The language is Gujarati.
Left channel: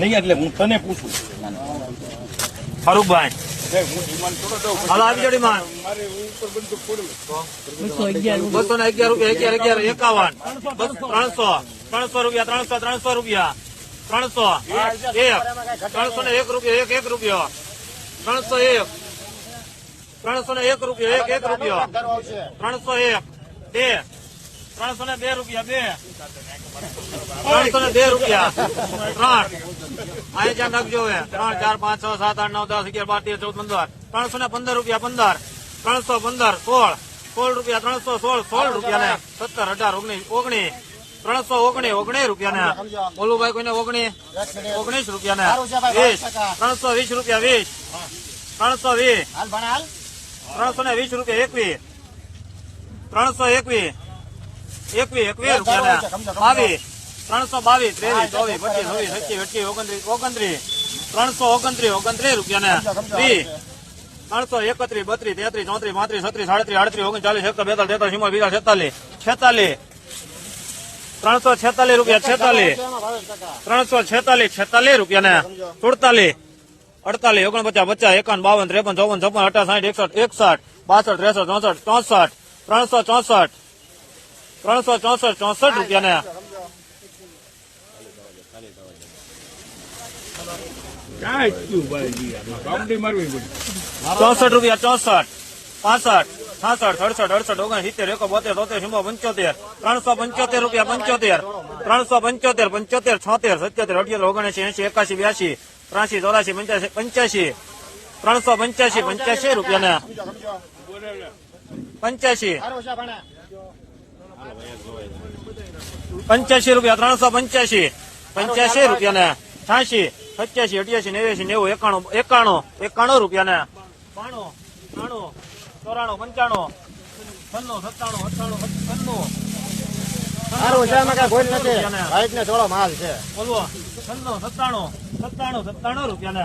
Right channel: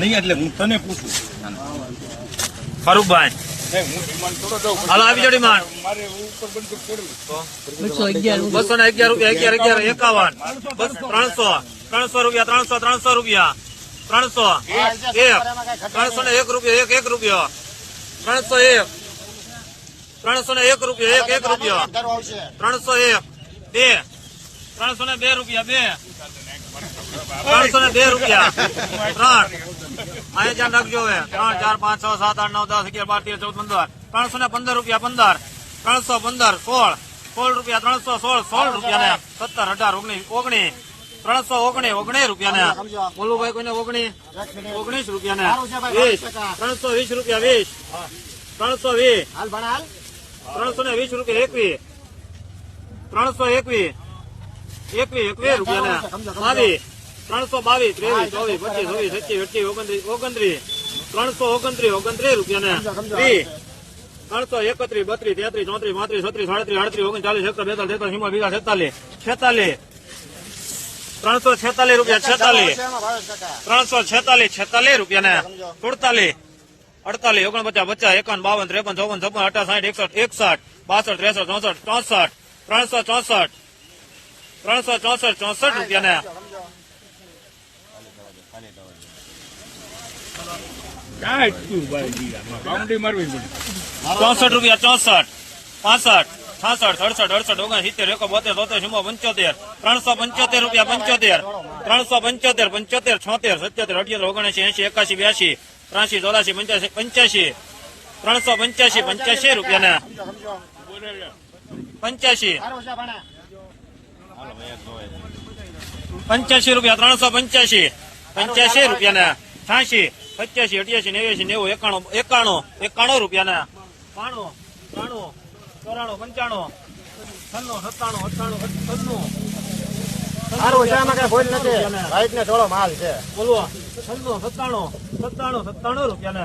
નહીં એટલે હું તને પૂછું. ફારૂકભાઈ હાલો, આવી જાઓ ડિમાન્ડ. મારે ઉપર બંદૂક પડવું બસો ને અગિયાર રૂપિયા, અગિયાર અગિયાર, એકાવન. ત્રણસો ત્રણસો રૂપિયા, ત્રણસો ત્રણસો રૂપિયા. ત્રણસો, એક, ત્રણસો ને એક રૂપિયા, એક એક રૂપિયો. ત્રણસો એક, ત્રણસો ને એક રૂપિયા, એક એક રૂપિયો. ત્રણસો એક, બે ત્રણસો ને બે રૂપિયા બે. ત્રણસો ને બે રૂપિયા. ત્રણ. મારે ધ્યાન રાખજો હવે. ત્રણ ચાર પાંચ છ સાત આઠ નવ દસ અગિયાર બાર તેર ચૌદ પંદર. ત્રણસો ને પંદર રૂપિયા પંદર. ત્રણસો પંદર સોળ. સોળ રૂપિયા ત્રણસો સોળ સોળ રૂપિયા ને સત્તર અઢાર ઓગણીસ ઓગણીસ. ત્રણસો ઓગણીસ ઓગણીસ રૂપિયા ને મોલુભાઈ કોઈને ઓગણીસ? ઓગણીસ રૂપિયા ને વીસ. ત્રણસો વીસ રૂપિયા વીસ. ત્રણસો વીસ. ત્રણસો ને વીસ રૂપિયા એકવીસ. ત્રણસો એકવીસ. એકવીસ એકવીસ રૂપિયા બાવીસ ત્રણસો બાવીસ ત્રેવીસ ચોવીસ પચીસ સત્યાવીસ અઠ્યાવીસ ઓગણત્રીસ ઓગણત્રીસ ત્રણસો ઓગણત્રીસ ઓગણત્રીસ રૂપિયા ને ત્રણસો એકત્રીસ બત્રીસ તેત્રીસ ચોત્રીસ પાંત્રીસ છત્રીસ સાડત્રીસ આડત્રીસ ઓગણચાલીસ એકસો બેતાલીસ તેતાલીસ ચુમ્માલીસ બીજા છેતાલીસ છેતાલીસ ત્રણસો છેતાલીસ રૂપિયા છેતાલીસ ત્રણસો છેતાલીસ છેતાલીસ રૂપિયા ને સુડતાલીસ અડતાલીસ ઓગણપચાસ પચાસ એકાવન બાવન ત્રેપન ચોવન છપ્પન અઠાસ સાઠ એકસઠ એકસઠ બાસઠ ત્રેસઠ ચોસઠ ચોસઠ ત્રણસો ચોસઠ ત્રણસો ચોસઠ ચોસઠ રૂપિયા ને ચોસઠ રૂપિયા, ચોસઠ, પાસઠ, છાસઠ સડસઠ અડસઠ ઓગણ સિત્તેર એકો બોતેર તોતેર ચુમ્મો પંચોતેર, ત્રણસો પંચોતેર રૂપિયા, પંચોતેર, ત્રણસો પંચોતેર પંચોતેર, છોતેર, સત્યોતેર, અઠ્યોતેર, ઓગણસી એસી એકાસી બ્યાસી ત્રાસી ચોરાસી પંચ્યાસી પંચ્યાસી ત્રણસો પંચ્યાસી પંચ્યાસી રૂપિયા ને પંચ્યાસી પંચ્યાસી રૂપિયા ત્રણસો પંચ્યાસી પંચ્યાસી રૂપિયા ને છ્યાસી સત્યાસી અઠ્યાસી નેવ્યાસી નેવું એકાણું એકાણું એકાણું રૂપિયા ને બાણું ત્રાણું ચોરાણું પંચાણું છન્નું સત્તાણું અઠ્ઠાણું છન્નું કઈ ભૂલ નથી ને. રાઈટ ને થોડો માલ છે બોલવો છન્નું સત્તાણું સત્તાણું સત્તાણું રૂપિયા ને.